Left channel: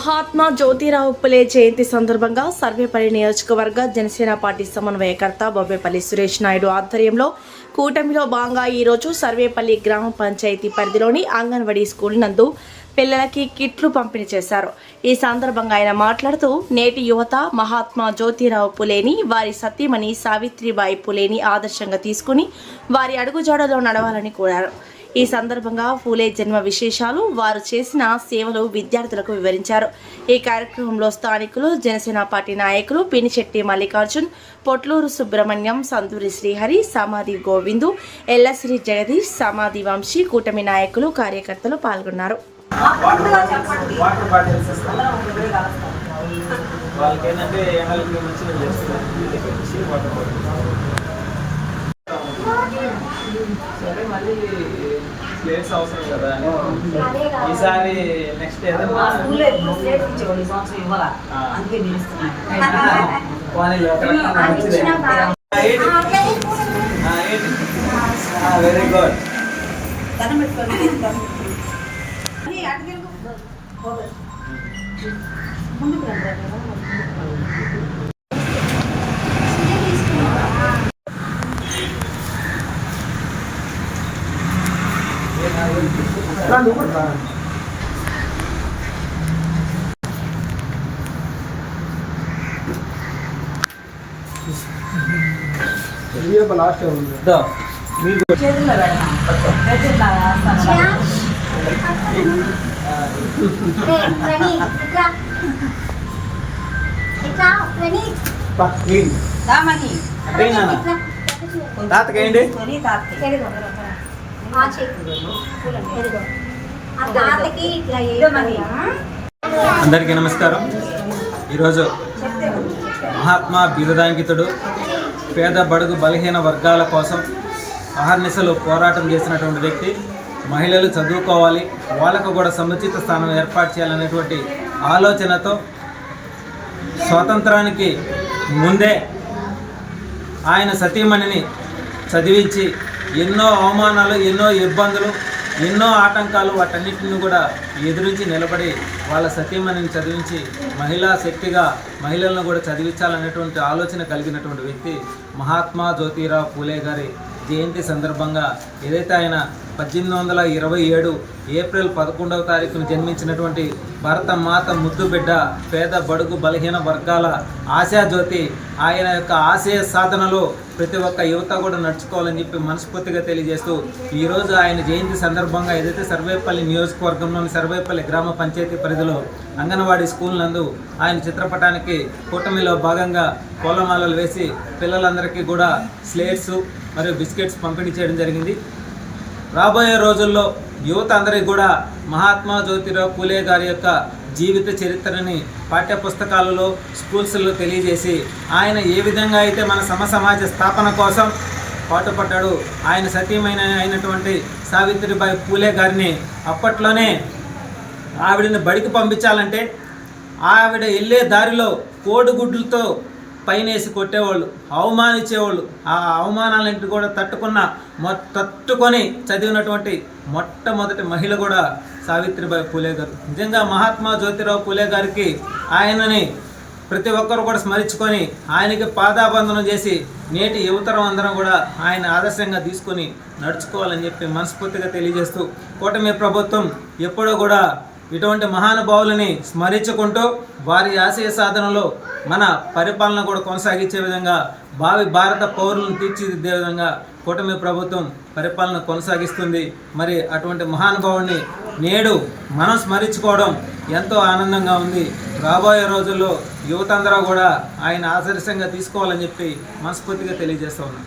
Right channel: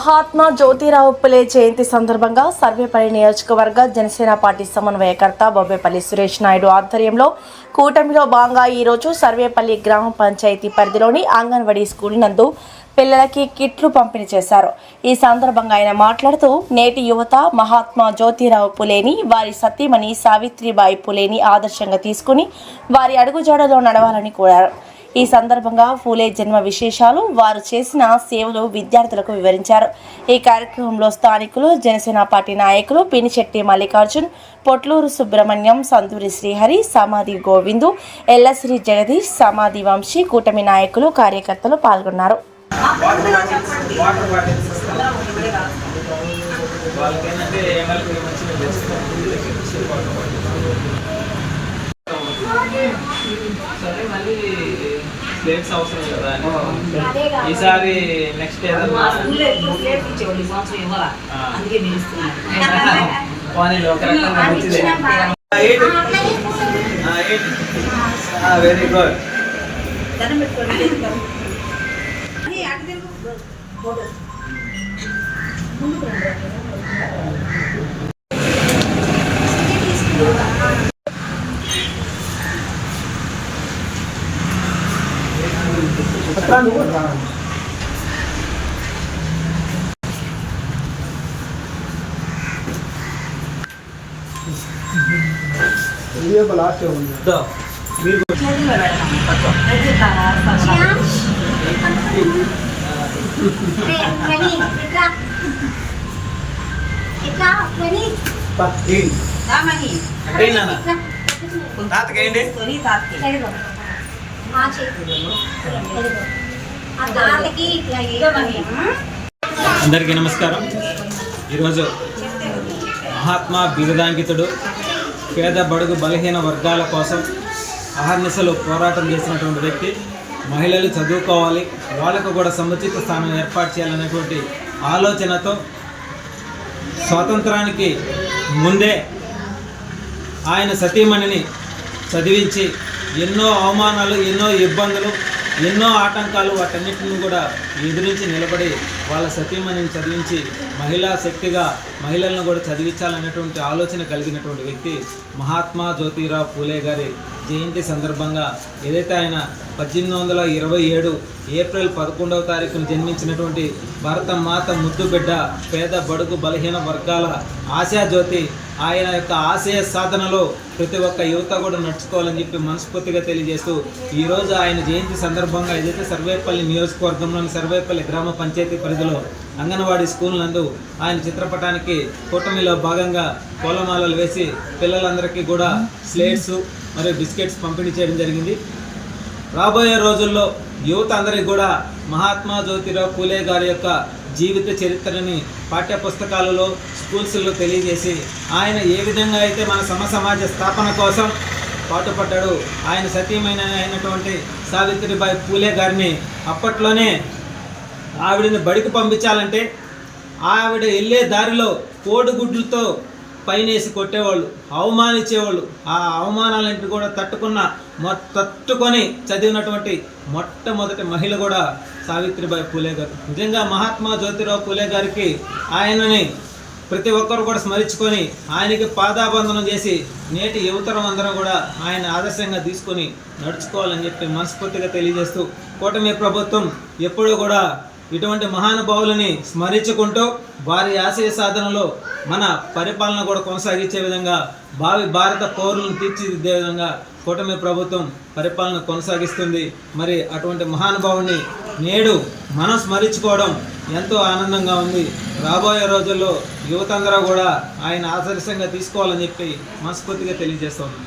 మహాత్మా జ్యోతిరావు పులే జయంతి సందర్భంగా సర్వేపల్లి నియోజకవర్గ జనసేన పార్టీ సమన్వయకర్త బొబ్బేపల్లి సురేష్ నాయుడు ఆధ్వర్యంలో కూటమిలో భాగంగా ఈరోజు సర్వేపల్లి గ్రామ పంచాయతీ పరిధిలోని అంగన్వాడీ స్కూల్ నందు పిల్లలకి కిట్లు పంపిణీ చేశారు. ఈ సందర్భంగా ఆయన మాట్లాడుతూ నేటి యువత మహాత్మా జ్యోతిరావు పులేని వారి సతీమణి సావిత్రిబాయి పులేని ఆదర్శంగా తీసుకుని వారి అడుగుజాడలో నడవాలని కోరారు. ఈ సందర్భంగా ఫూలే జన్మ విశేషాలు, వారు చేసిన సేవలు విద్యార్థులకు వివరించారు. ఈ కార్యక్రమంలో స్థానికులు, జనసేన పార్టీ నాయకులు పినిశెట్టి మల్లికార్జున్, పొట్లూరు సుబ్రహ్మణ్యం, సంతూరి శ్రీహరి, సమాధి గోవిందు, ఎల్లశ్రీ జగదీష్, సమాధి వంశీ, కూటమి నాయకులు, కార్యకర్తలు పాల్గొన్నారు. సరే మళ్ళీ ప్లేట్స్ అవసరం కదా ఈసారి నెక్స్ట్ వెరీ గుడ్. అందరికీ నమస్కారం. ఈరోజు మహాత్మా బిరుదాంకితుడు పేద బడుగు బలహీన వర్గాల కోసం అహర్నిశలు పోరాటం చేసినటువంటి వ్యక్తి. మహిళలు చదువుకోవాలి, వాళ్ళకు కూడా సముచిత స్థానం ఏర్పాటు చేయాలనేటువంటి ఆలోచనతో స్వాతంత్రానికి ముందే ఆయన సతీమణిని చదివించి ఎన్నో అవమానాలు, ఎన్నో ఇబ్బందులు, ఎన్నో ఆటంకాలు, వాటన్నిటిని కూడా ఎదురించి నిలబడి వాళ్ళ సతీమణిని చదివించి మహిళా శక్తిగా మహిళలను కూడా చదివించాలనేటువంటి ఆలోచన కలిగినటువంటి వ్యక్తి మహాత్మా జ్యోతిరావు పూలే గారి జయంతి సందర్భంగా ఏదైతే ఆయన 1827 ఏప్రిల్ 11వ తారీఖున జన్మించినటువంటి భారత మాత ముద్దు బిడ్డ, పేద బడుగు బలహీన వర్గాల ఆశాజ్యోతి, ఆయన యొక్క ఆశయ సాధనలో ప్రతి ఒక్క యువత కూడా నడుచుకోవాలని చెప్పి మనస్ఫూర్తిగా తెలియజేస్తూ ఈరోజు ఆయన జయంతి సందర్భంగా ఏదైతే సర్వేపల్లి నియోజకవర్గంలోని సర్వేపల్లి గ్రామ పంచాయతీ పరిధిలో అంగన్వాడీ స్కూల్ నందు ఆయన చిత్రపటానికి కూటమిలో భాగంగా పూలమాలలు వేసి పిల్లలందరికీ కూడా స్లేట్స్ మరియు బిస్కెట్స్ పంపిణీ చేయడం జరిగింది. రాబోయే రోజుల్లో యువత అందరికీ కూడా మహాత్మా జ్యోతిరావు పూలే గారి యొక్క జీవిత చరిత్రని పాఠ్య పుస్తకాలలో, స్కూల్స్లో తెలియజేసి ఆయన ఏ విధంగా అయితే మన సమాజ స్థాపన కోసం పాటుపడ్డాడు. ఆయన సతీమైన అయినటువంటి సావిత్రిబాయి పూలే గారిని అప్పట్లోనే ఆవిడని బడికి పంపించాలంటే ఆవిడ వెళ్ళే దారిలో కోడిగుడ్లతో పైనేసి కొట్టేవాళ్ళు, అవమానించేవాళ్ళు. ఆ అవమానాలన్నింటినీ కూడా తట్టుకొని చదివినటువంటి మొట్టమొదటి మహిళ కూడా సావిత్రిబాయి పూలే గారు. నిజంగా మహాత్మా జ్యోతిరావు పూలే గారికి ఆయనని ప్రతి ఒక్కరు కూడా స్మరించుకొని ఆయనకి పాదాబంధనం చేసి నేటి యువతరం అందరం కూడా ఆయన ఆదర్శంగా తీసుకొని నడుచుకోవాలని చెప్పి మనస్ఫూర్తిగా తెలియజేస్తూ కూటమి ప్రభుత్వం ఎప్పుడూ కూడా ఇటువంటి మహానుభావులని స్మరించుకుంటూ వారి ఆశయ సాధనలో మన పరిపాలన కూడా కొనసాగించే విధంగా భావి భారత పౌరులను తీర్చిదిద్దే విధంగా కూటమి ప్రభుత్వం పరిపాలన కొనసాగిస్తుంది. మరి అటువంటి మహానుభావుని నేడు మనం స్మరించుకోవడం ఎంతో ఆనందంగా ఉంది. రాబోయే రోజుల్లో యువత అందరూ కూడా ఆయన ఆదర్శంగా తీసుకోవాలని చెప్పి మనస్ఫూర్తిగా తెలియజేస్తూ ఉన్నాం.